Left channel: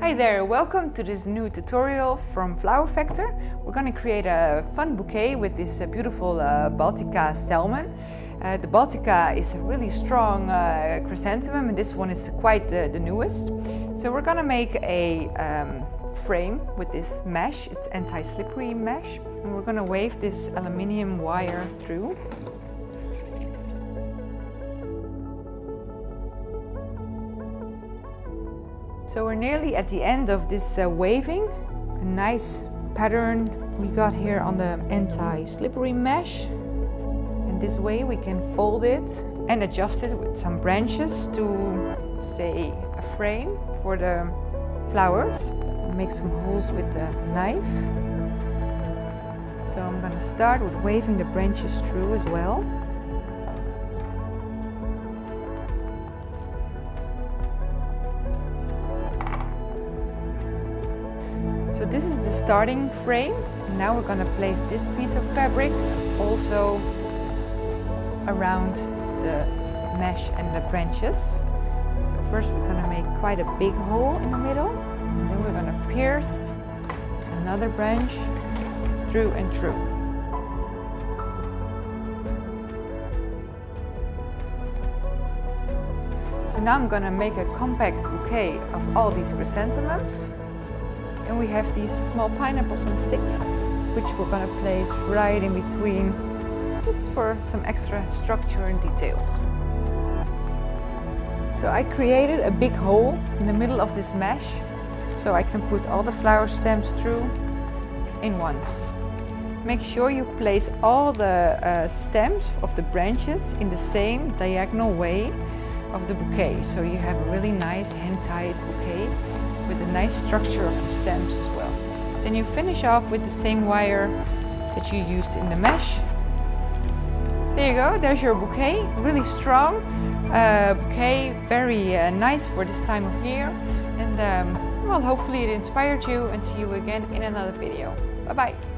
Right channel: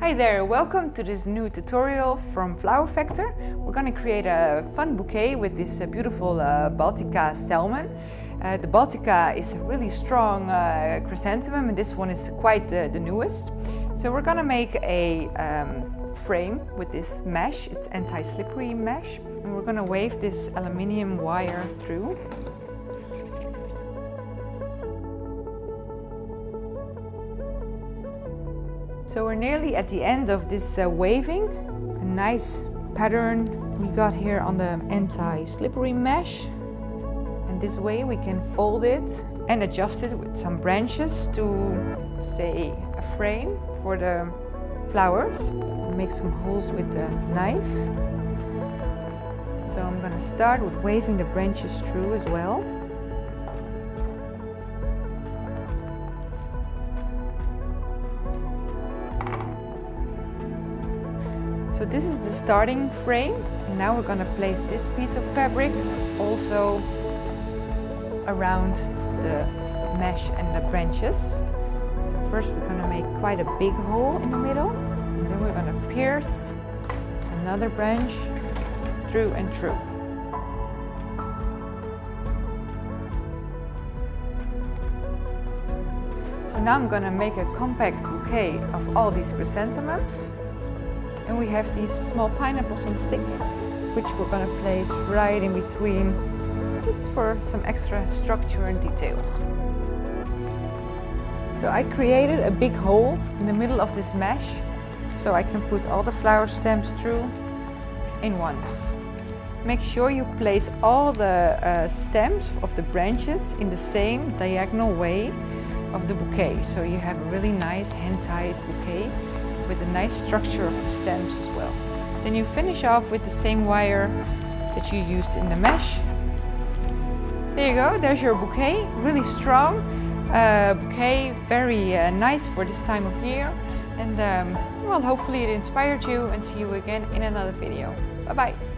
Hi there, welcome to this new tutorial from Flower Factor. We're going to create a fun bouquet with this beautiful Baltica Salmon. The Baltica is a really strong chrysanthemum, and this one is quite the newest. So we're going to make a frame with this mesh. It's anti-slippery mesh, and we're going to wave this aluminium wire through. So we're nearly at the end of this waving. A nice pattern we got here on the anti-slippery mesh. And this way we can fold it and adjust it with some branches to, say, a frame for the flowers. Make some holes with the knife. So I'm going to start with waving the branches through as well. So this is the starting frame, and now we're going to place this piece of fabric also around the mesh and the branches. So first we're going to make quite a big hole in the middle, and then we're going to pierce another branch through and through. So now I'm going to make a compact bouquet of all these chrysanthemums. And we have these small pineapples on stick, which we're going to place right in between, just for some extra structure and detail. So I created a big hole in the middle of this mesh, so I can put all the flower stems through in once. Make sure you place all the stems of the branches in the same diagonal way of the bouquet, so you have a really nice hand-tied bouquet with a nice structure of the stems as well. Then you finish off with the same wire that you used in the mesh. There you go, there's your bouquet. Really strong bouquet, very nice for this time of year. And well, hopefully it inspired you, and see you again in another video. Bye bye.